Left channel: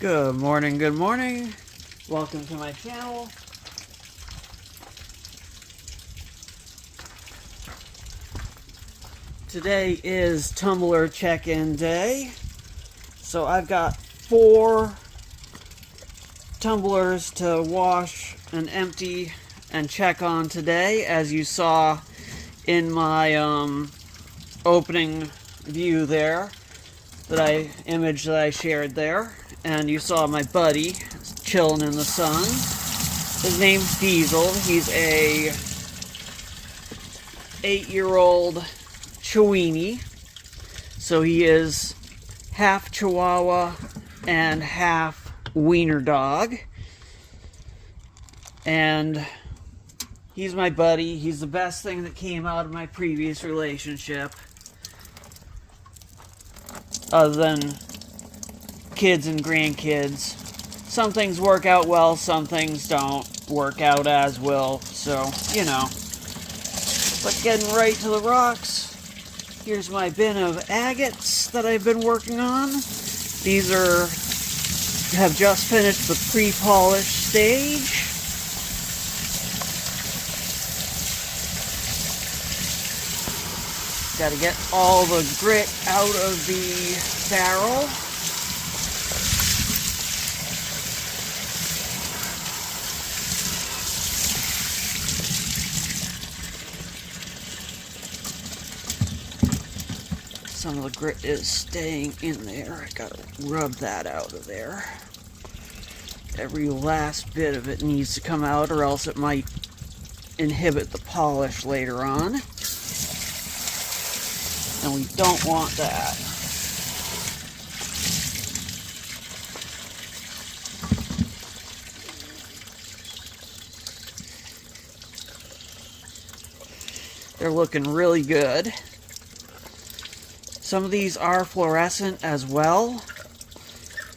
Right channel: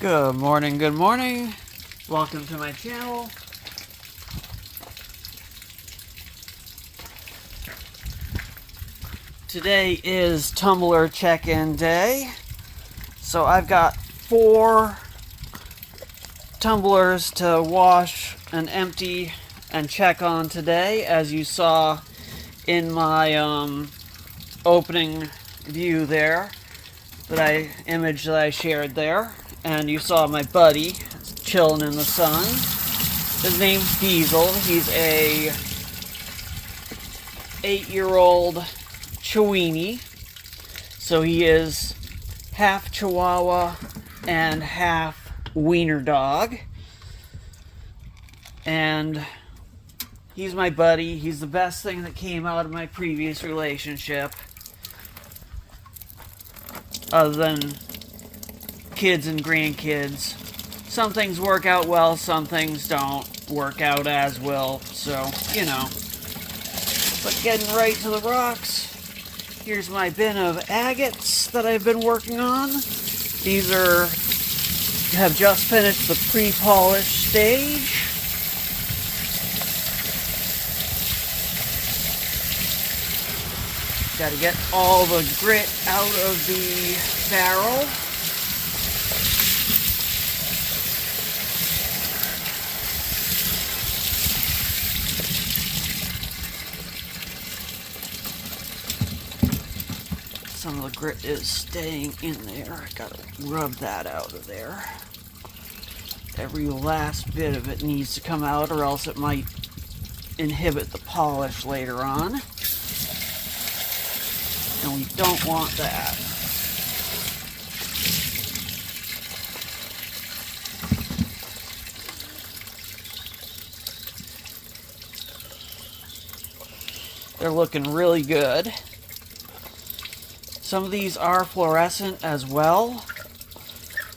Good morning, good morning. Welcome to my channel. Today is tumbler check-in day. So I've got 4 tumblers to wash and empty and check on today, as you saw in my opening view there, image that I shared there. And you saw my buddy chilling in the sun. His name's Diesel. He's a 8-year-old Chiweenie. So he is half Chihuahua and half wiener dog. And he's my buddy. He's the best thing that came out of my previous relationship. Other than kids and grandkids. Some things work out well, some things don't work out as well, so, you know. But getting right to the rocks, here's my bin of agates that I've been working on. These have just finished the pre-polish stage. Got to get all the grit out of the barrel. Some of the grit is staying in there. I gotta rub that out of there. Every last bit of it needs to come out, or else it might inhibit the polish later on. And we don't want that. They're looking really good. Some of these are fluorescent as well,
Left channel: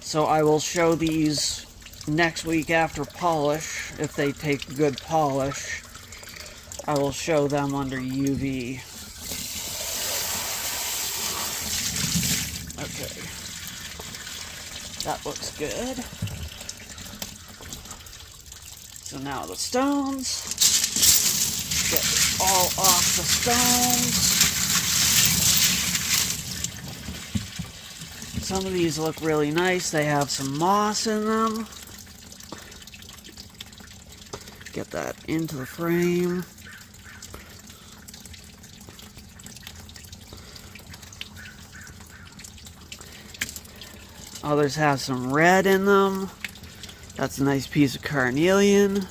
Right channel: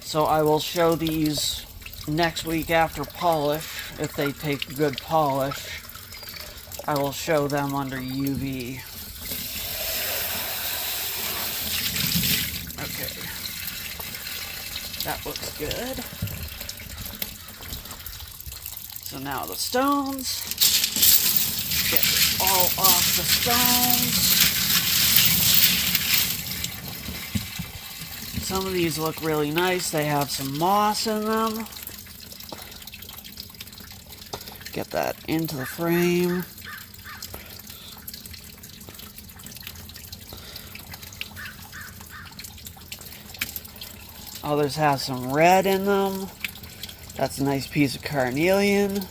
so I will show these next week after polish. If they take good polish, I will show them under UV. Okay, that looks good. So now the stones, get all off the stones. Some of these look really nice. They have some moss in them. Get that into the frame. Others have some red in them. That's a nice piece of carnelian.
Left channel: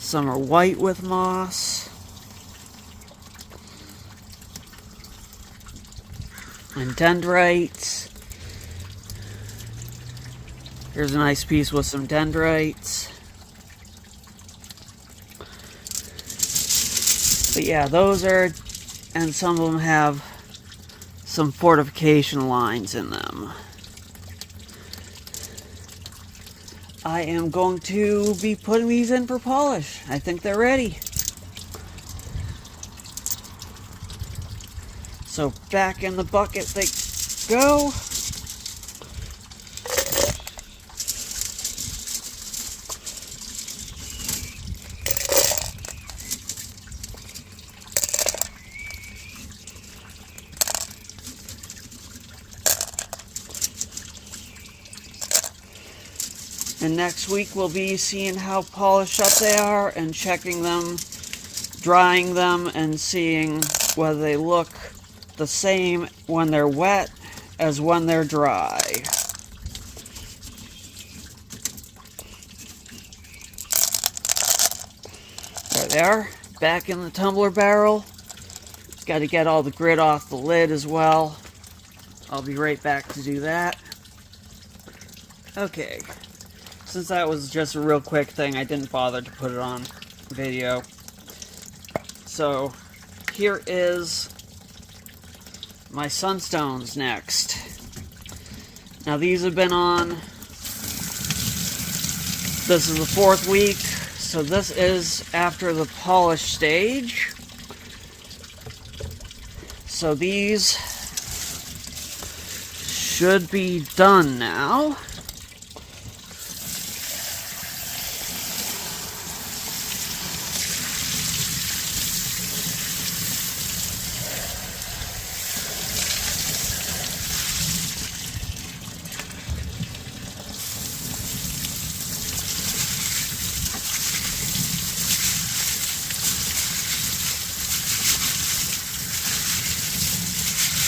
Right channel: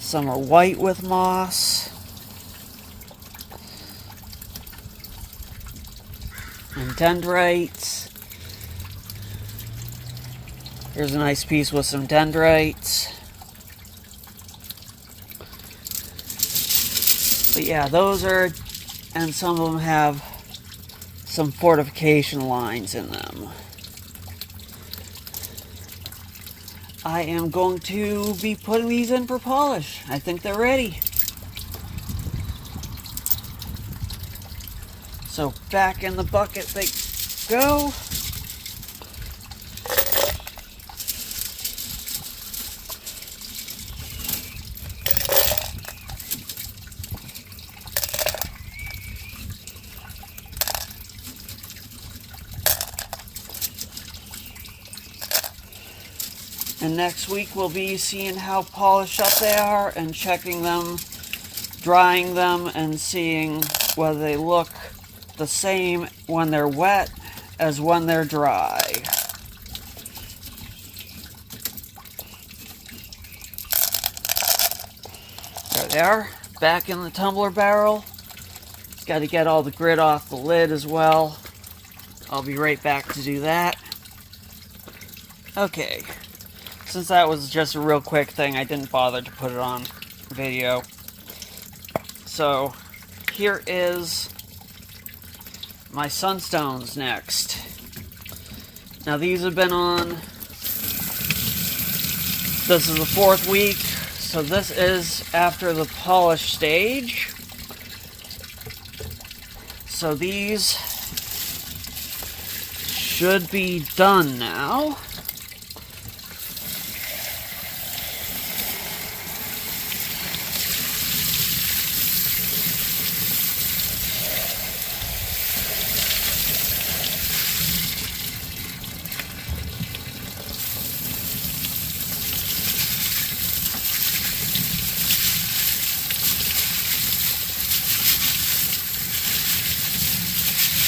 Some are white with moss. And dendrites. There's a nice piece with some dendrites. But yeah, those are, and some of them have some fortification lines in them. I am going to be putting these in for polish. I think they're ready. So back in the bucket they go. And next week we'll be seeing how polished up they are and checking them, drying them, and seeing whether they look the same when they're wet as when they're dry. There they are, back in the tumbler barrel. Got to get all the grit off the lid as well. I'll be right back to do that. Okay, since that was just a real quick thing, I didn't bother to put it on video. So here is my Sunstones next. Now these have been on, this is the 4th week, so this is after the polish stage. So these should be done now.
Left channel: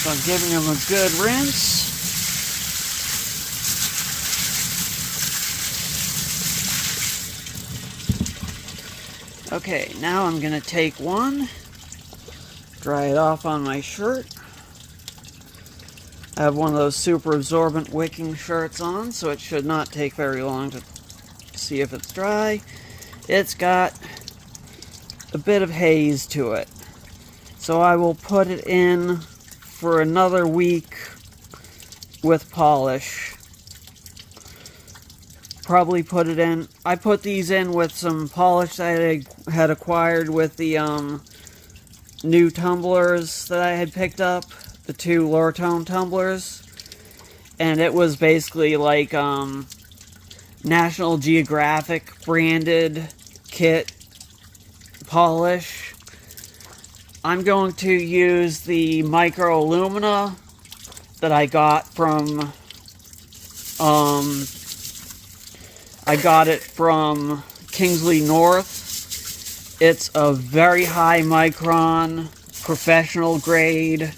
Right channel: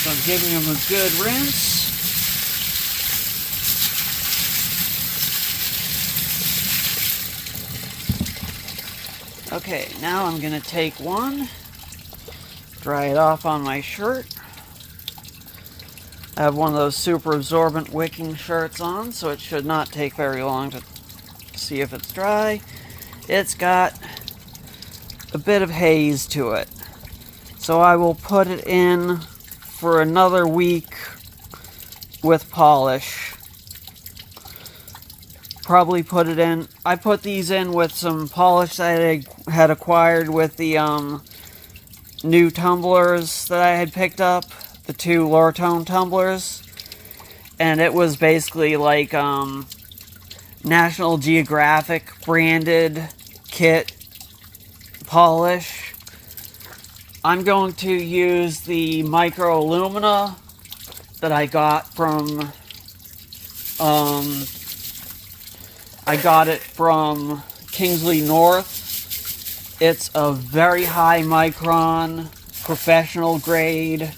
So I'm giving them a good rinse. Okay, now I'm going to take one, dry it off on my shirt. I have one of those super absorbent wicking shirts on, so it should not take very long to see if it's dry. It's got a bit of haze to it. So I will put it in for another week with polish. Probably put it in. I put these in with some polish that I had acquired with the new tumblers that I had picked up, the 2 lower tone tumblers, and it was basically like National Geographic branded kit polish. I'm going to use the micro alumina that I got from I got it from Kingsley North. It's a very high micron, professional grade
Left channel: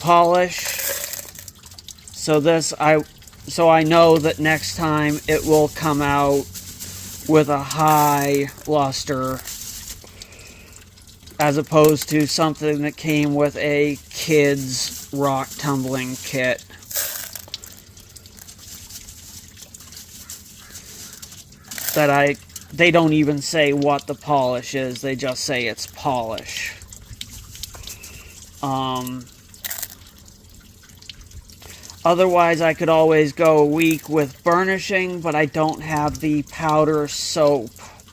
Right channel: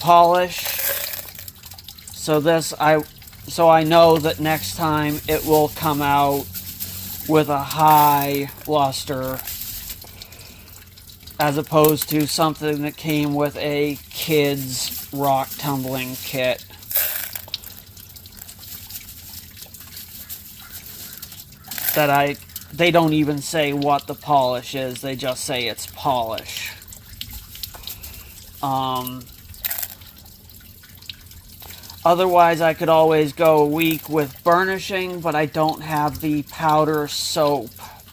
polish. So I know that next time it will come out with a high luster, as opposed to something that came with a kid's rock tumbling kit. They don't even say what the polish is, they just say it's polish. Otherwise, I could always go a week with burnishing, but I don't have the powder soap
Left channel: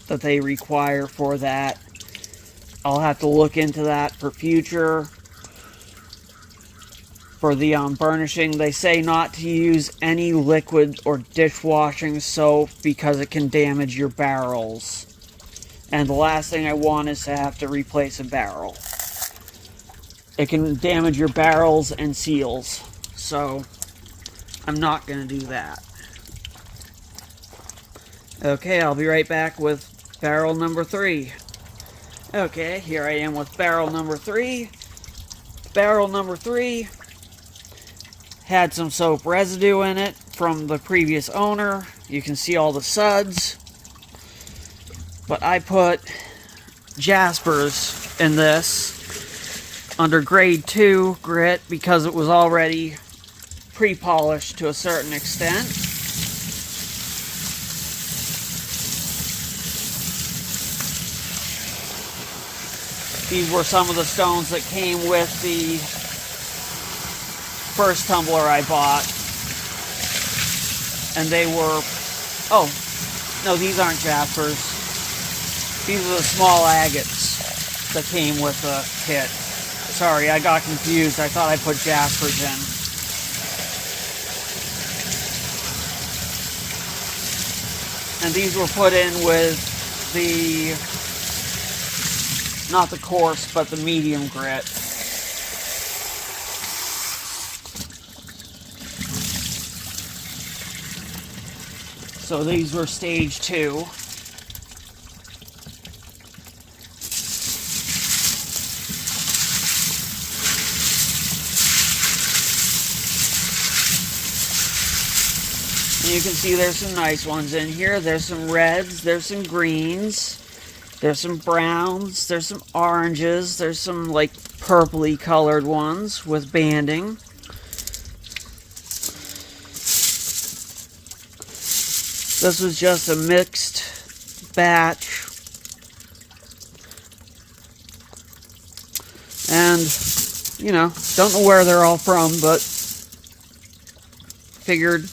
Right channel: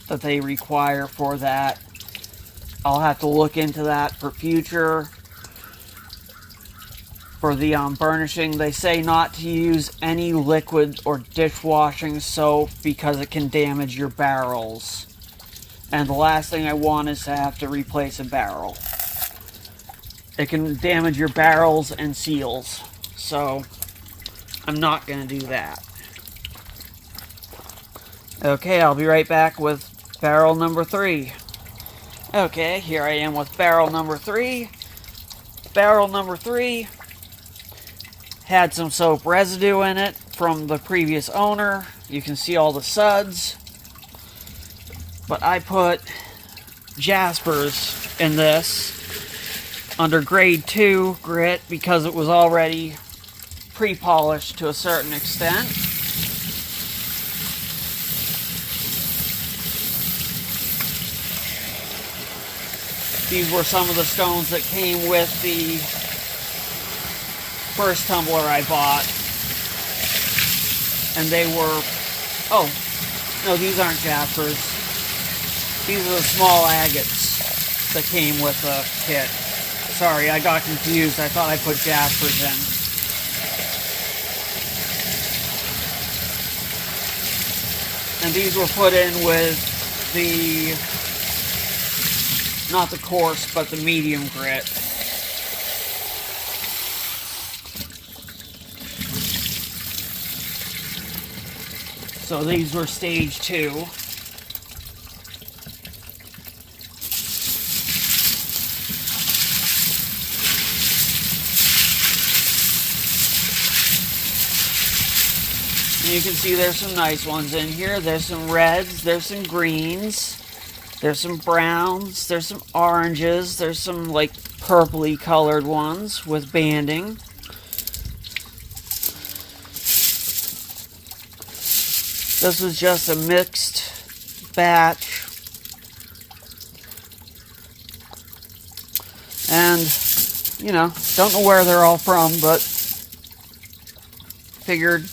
that they require for that. I'll have to look into that for future. For the burnishing, they say not to use any liquid or dishwashing soap because it can damage your barrels. And the last thing I want is to have to replace a barrel. It can damage your barrels and seals. So, I'm not going to do that. Okay, I'll be right back with barrel number 3. Okay, here I am with barrel number 3. Barrel number 3 had some soap residue in it from the previous owner. You can see all the suds. But I put Jaspers in this under grade 2 grit because it was already pre-polished to a certain extent. These were some of the stones that came with the first tumbler I bought. And they were... Oh, no, these aren't Jaspers. These are the small agates that came with the kit. Sorry, I got confused. I thought I put Jaspers in. And these were put in with the... not the coarse, but the medium grit. So these were stage 2. And you can see there's some nice ones in here. There's some reds, there's some greens. There's some browns, there's some oranges, there's some like purpley colored ones with banding. This was just a mixed batch. And, you know, don't know where they're all from, but figured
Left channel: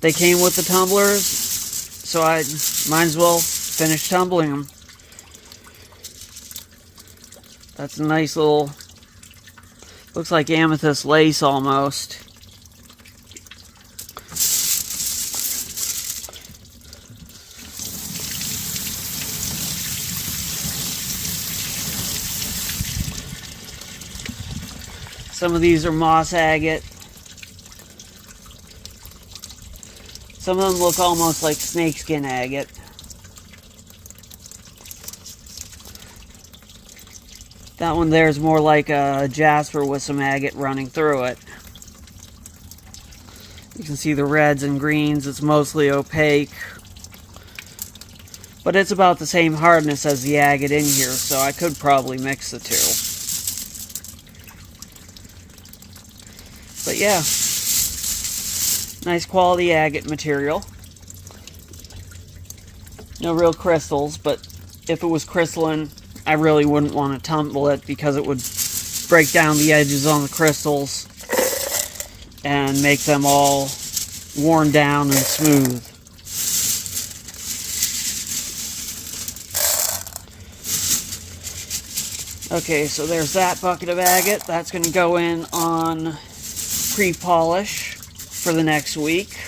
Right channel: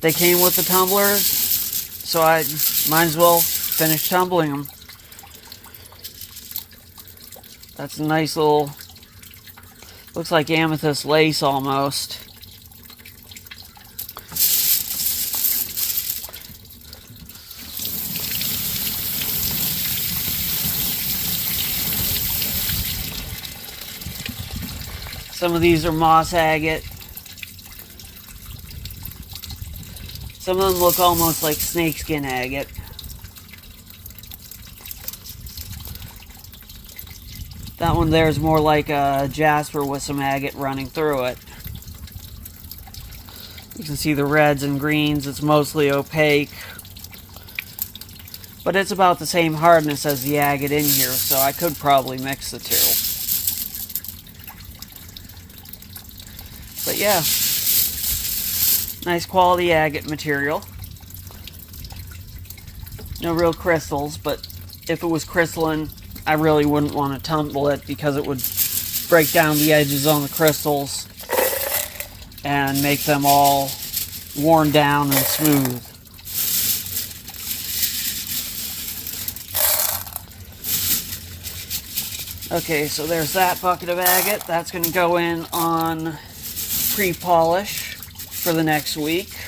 they came with the tumblers, so I might as well finish tumbling them. That's a nice little Looks like amethyst lace almost. Some of these are moss agate. Some of them look almost like snakeskin agate. That one there is more like a jasper with some agate running through it. You can see the reds and greens. It's mostly opaque. But it's about the same hardness as the agate in here, so I could probably mix the two. But yeah, nice quality agate material. No real crystals, but if it was crystalline, I really wouldn't want to tumble it because it would break down the edges on the crystals and make them all worn down and smooth. Okay, so there's that bucket of agate. That's going to go in on pre-polish for the next week.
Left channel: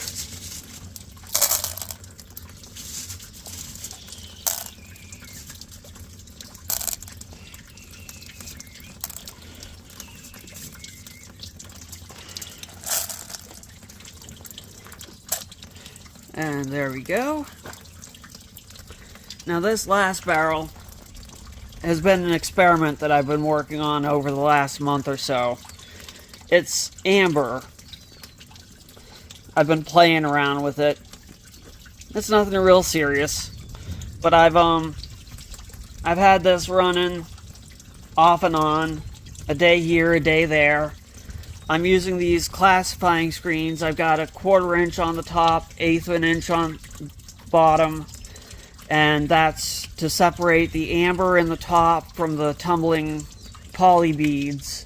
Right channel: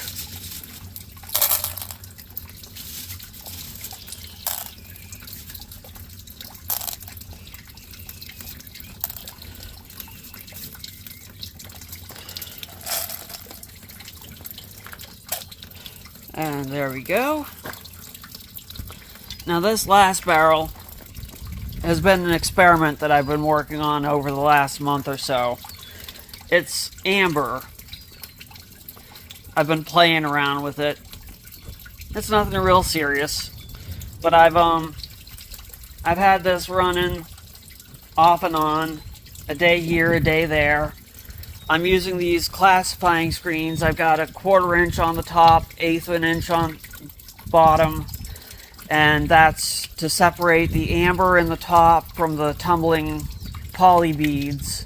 And there we go. Now this last barrel has been an experiment that I've been working on over the last month or so. It's amber. I've been playing around with it. It's nothing real serious, but I've had this running off and on, a day here, a day there. I'm using these classifying screens. I've got a 1/4 inch on the top, 1/8 of an inch on bottom, and that's to separate the amber in the top from the tumbling poly beads.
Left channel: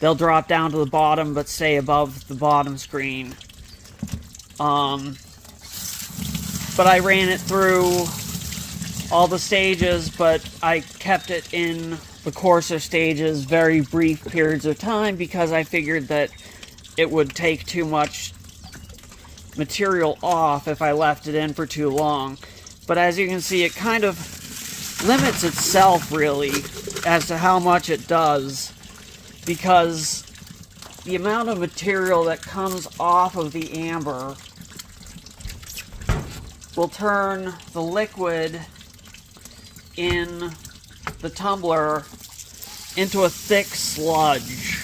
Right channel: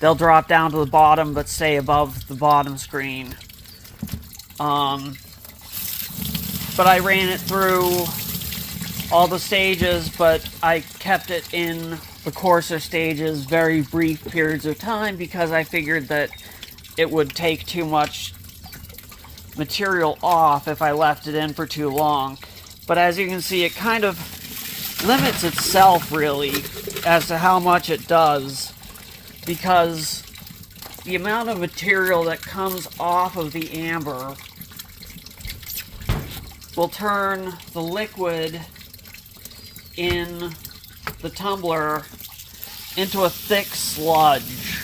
They'll drop down to the bottom but stay above the bottom screen. But I ran it through all the stages, but I kept it in the coarser stages very brief periods of time because I figured that it would take too much material off if I left it in for too long. But as you can see, it kind of limits itself really as to how much it does, because the amount of material that comes off of the amber will turn the liquid in the tumbler into a thick sludge,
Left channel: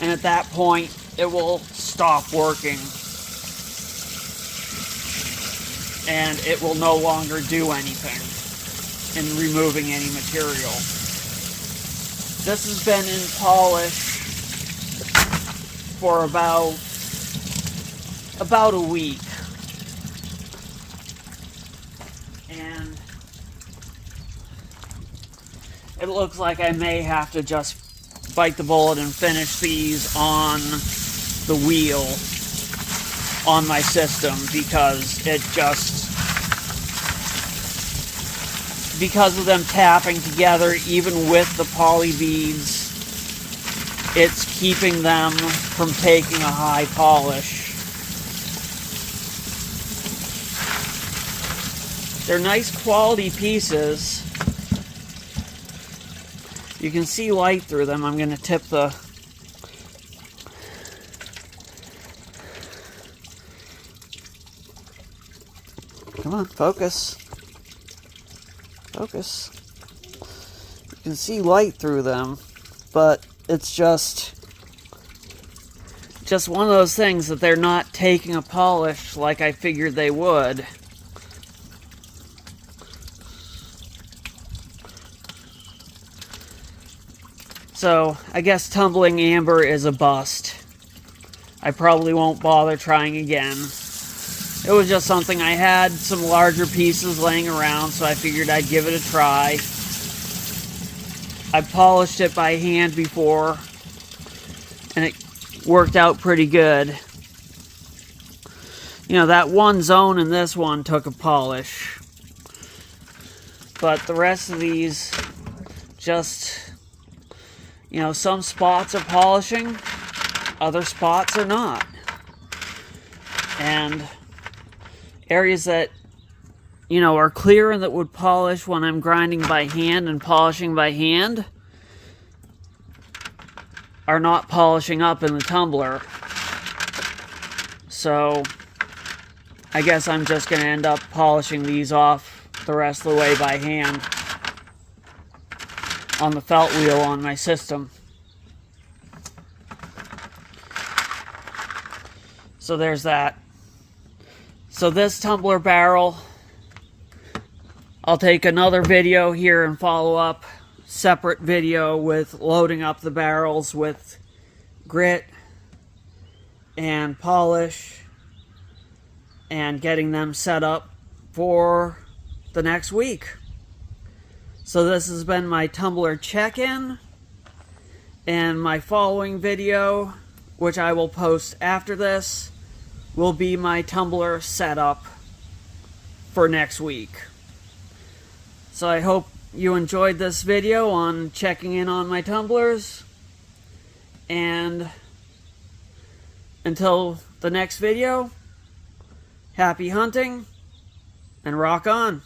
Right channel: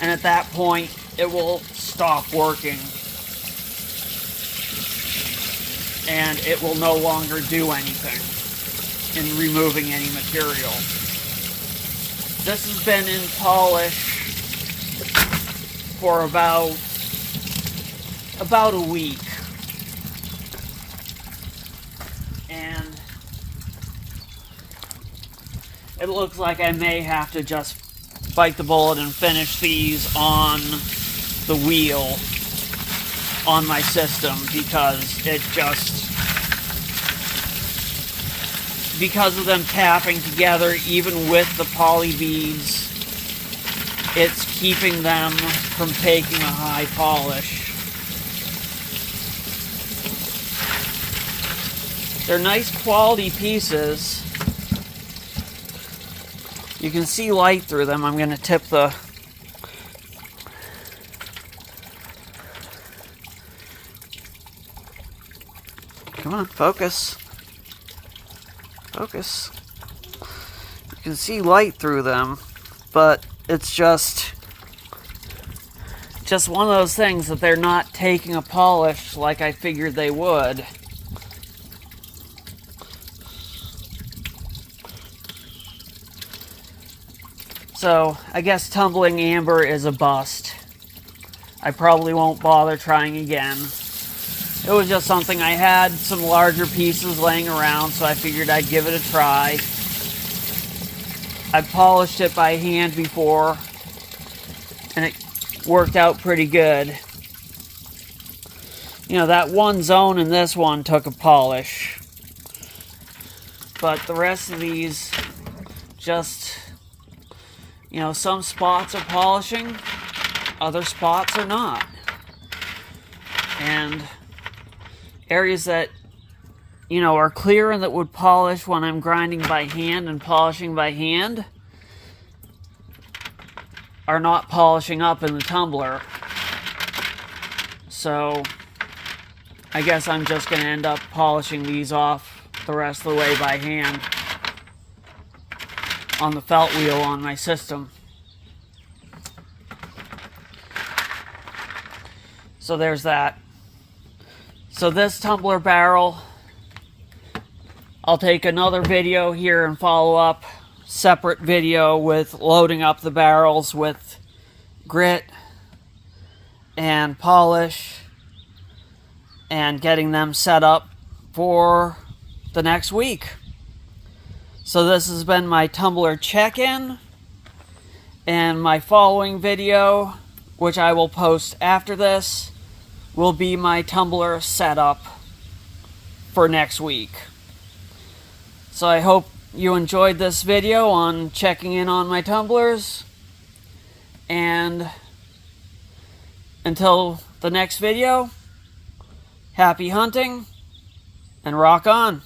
and at that point it will stop working and it will no longer do anything in removing any material. This has been in polish for about a week, and it looks like I may have to just bite the bullet and finish these on the wheel on my system, because because of them tapping together even with the poly beads, it's keeping them from taking a high polish. They're nice quality pieces. You can see light through them. I'm going to tip the... Come on, focus. Focus. You can see light through them, but it's just one of those things that they're not taking a polish like I figured they would. So, I guess tumbling amber is a bust. I probably won't bother trying again. It was just something I had, some larger pieces laying around, so I figured I'd give it a try. I polished it by hand before, and it worked out pretty good. You know, that one zone in this one took a polish, but the rest of these just You know, some spots are polishing, other spots are not. And areas that, you know, are clear and that would polish when I'm grinding by hand and polishing by hand are not polishing up in the tumbler. So I guess I'm just going to end up polishing these off the rest of the way by hand on the felt wheel on my system. So there's that. So this tumbler barrel, I'll take another video here and follow up separate video with loading up the barrels with grit and polish and getting them set up for the next week. So this has been my tumbler check-in, and my following video, which I will post after this, will be my tumbler setup for next week. So I hope you enjoyed this video on checking in on my tumblers, and until the next video, happy hunting and rock on.